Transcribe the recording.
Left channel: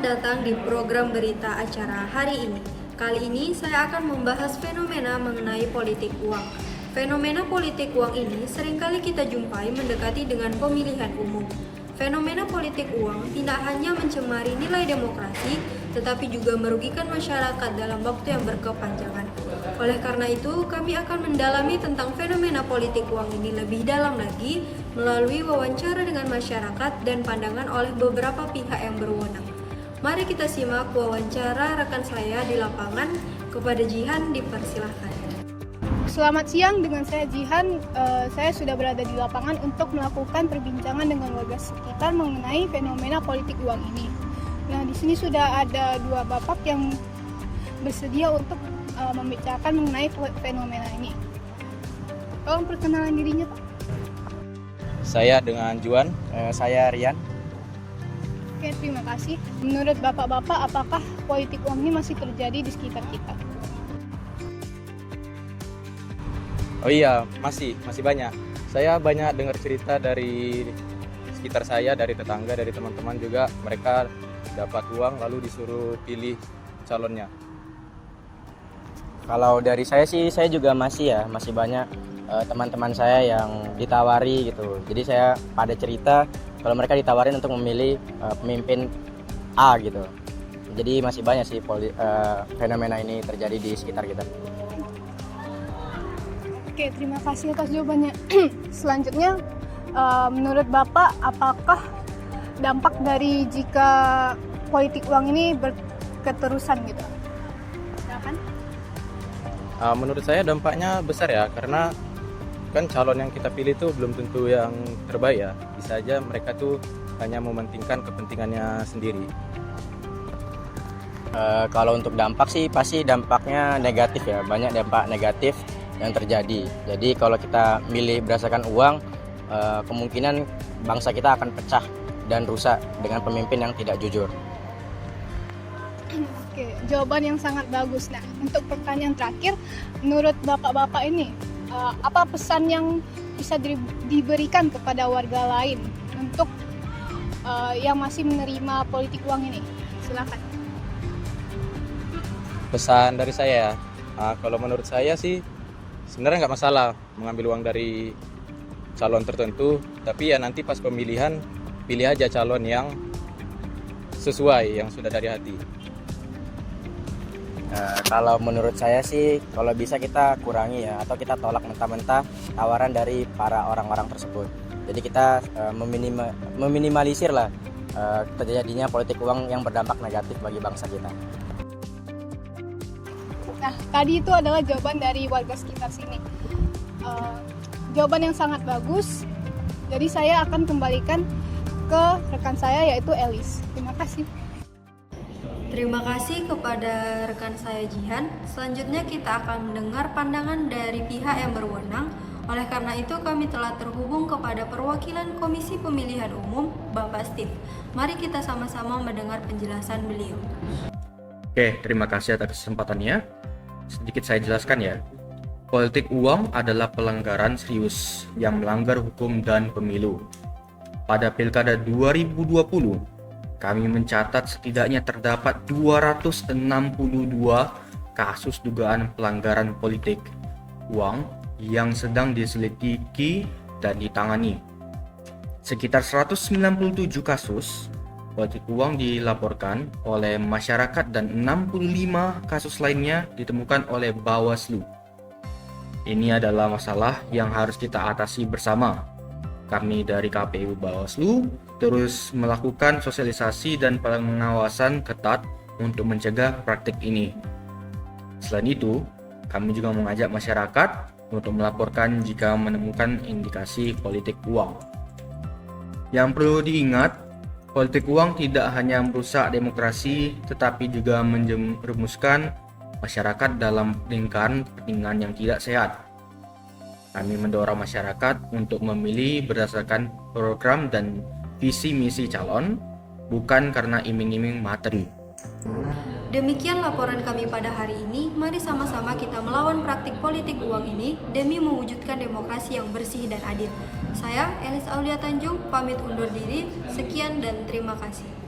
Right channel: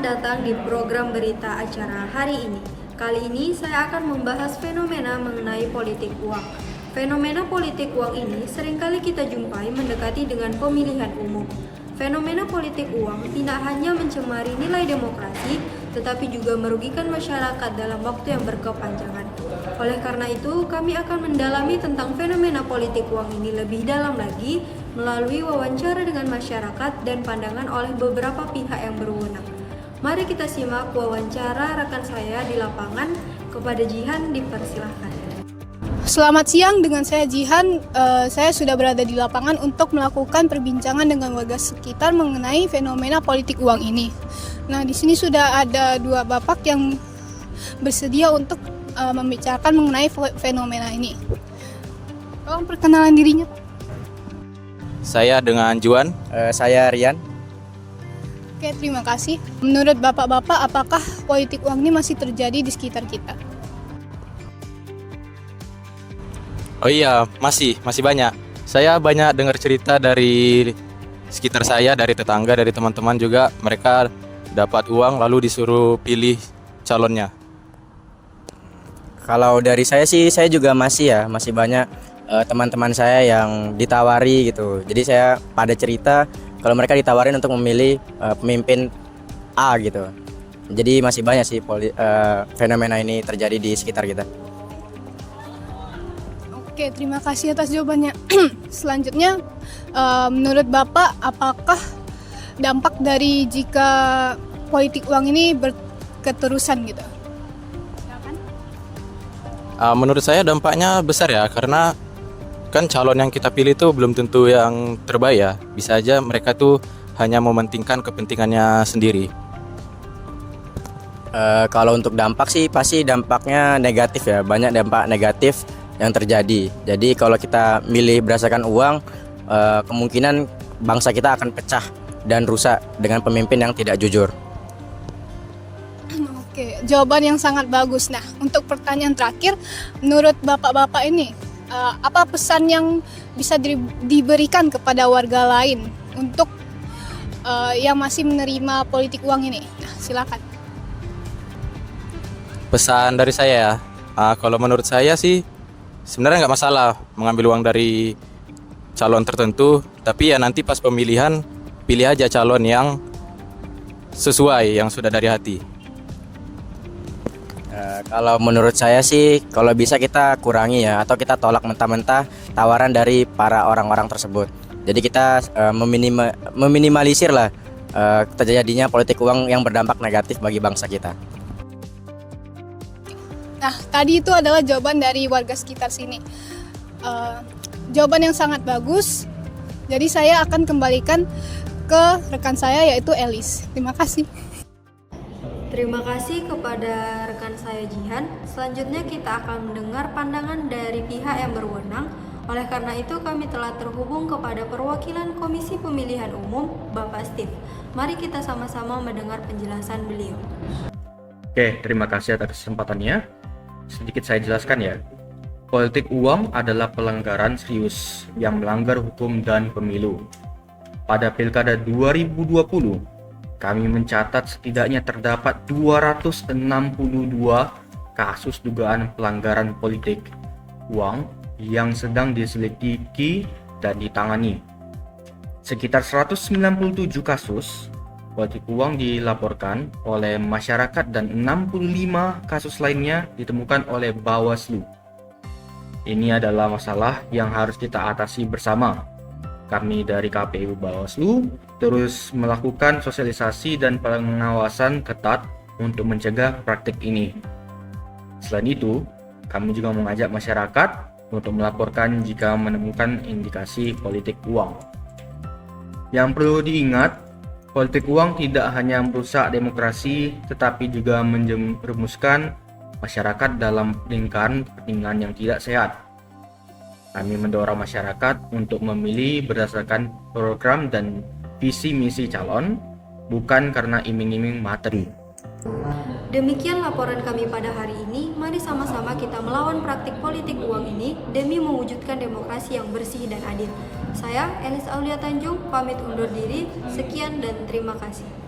Selamat datang di program berita acara hari ini. Kali ini saya akan membahas fenomena mengenai politik uang. Fenomena politik uang ini seringkali kita jumpai mendekati dengan pemilihan umum. Fenomena politik uang tidak hanya mencemari nilai demokrasi, tetapi juga merugikan masyarakat dalam waktu yang berkepanjangan. Oleh karena itu, kami akan mendalami tentang fenomena politik uang ini lebih dalam lagi melalui wawancara dengan masyarakat dan pandangan oleh beberapa pihak yang berwenang. Mari kita simak wawancara rekan saya di lapangan. Kepada Jihan dipersilahkan. Selamat siang, dengan saya Jihan. Saya sudah berada di lapangan untuk melakukan perbincangan dengan warga sekitar mengenai fenomena politik uang ini. Nah, di sini sudah ada dua bapak yang bersedia untuk membicarakan mengenai fenomena ini. Tolong perkenalan dirinya, Pak. Saya dengan Juan. Saya Rian. Oke, terima kasih. Menurut bapak-bapak, apakah politik uang ini masih terjadi di sekitar kita? Oh iya, masih banyak. Saya banyak dengar cerita dari sekitar saya, dari tetangga, dari teman-teman juga. Mereka dapat uang lalu disuruh pilih calonnya. Kalau dari saya sih, saya juga masih banyak teman-teman saya yang ditawari gitu. Jadi saya pada cerita kalau mereka ditawarin untuk memilih pemimpin A gitu. Jadi masih banyak sih fenomena ini terjadi di sekitar kita. Oke, terima kasih atas jawabannya. Selanjutnya, menurut Bapak, apakah dampak dari jika politik uang ini berketerusan gitu? Menurut saya dampaknya besar ya, karena kan calon yang kita pilih itu belum tentu yang terbaik ya. Bisa aja mereka tuh hanya mementingkan kepentingannya sendiri. Kalau untuk dampak sih pasti dampaknya negatif ya. Banyak dampak negatif yang terjadi. Jadi kalau kita milih berdasarkan uang, kemungkinan bangsa kita akan pecah dan rusak dengan pemimpin yang tidak jujur. Oke, jawaban yang sangat bagus. Nah, untuk pertanyaan terakhir, menurut bapak-bapak ini, apa pesan yang bisa diberikan kepada warga lain untuk yang masih menerima politik uang ini? Nah, silakan. Pesan dari saya ya, kalau menurut saya sih sebenarnya nggak masalah mengambil uang dari calon tertentu, tapi ya nanti pas pemilihan pilih aja calon yang sesuai, yang sudah dari hati. Kalau menurut saya sih, kalau bisa kita kurangi ya, atau kita tolak mentah-mentah tawaran dari para orang-orang tersebut. Jadi kita meminimalisir lah terjadinya politik uang yang berdampak negatif bagi bangsa kita. Nah, tadi itu adalah jawaban dari warga sekitar sini. Jawaban yang sangat bagus. Jadi saya akan kembalikan ke rekan saya, yaitu Elis. Terima kasih. Terima kasih kepada rekan saya Jihan. Selanjutnya kita akan mendengar pandangan dari pihak yang berwenang. Oleh karena itu kami telah terhubung kepada perwakilan Komisi Pemilihan Umum, Bapak Steve. Mari kita sama-sama mendengar penjelasan beliau. Oke, terima kasih atas kesempatannya. Sedikit saya jelaskan ya. Politik uang adalah pelanggaran serius yang melanggar hukum dan pemilu. Pada Pilkada 2020, kami mencatat setidaknya terdapat 262 kasus dugaan pelanggaran politik uang yang sedang diselidiki dan ditangani. Sekitar 197 kasus politik uang dilaporkan oleh masyarakat dan 65 kasus lainnya ditemukan oleh Bawaslu. Ini adalah masalah yang harus kita atasi bersama. Kami dari KPU Bawaslu terus melakukan sosialisasi dan pengawasan ketat untuk mencegah praktik ini. Selain itu, kami juga mengajak masyarakat untuk melaporkan jika menemukan indikasi politik uang. Yang perlu diingat, politik uang tidak hanya merusak demokrasi, tetapi juga menjerumuskan masyarakat dalam lingkaran kepentingan yang tidak sehat. Kami mendorong masyarakat untuk memilih berdasarkan program dan visi misi calon, bukan karena iming-iming materi. Demikian laporan kami pada hari ini. Mari sama-sama kita melawan praktik politik uang ini demi mewujudkan demokrasi yang bersih dan adil. Saya, Elis Aulia Tanjung, pamit undur diri. Sekian dan terima kasih.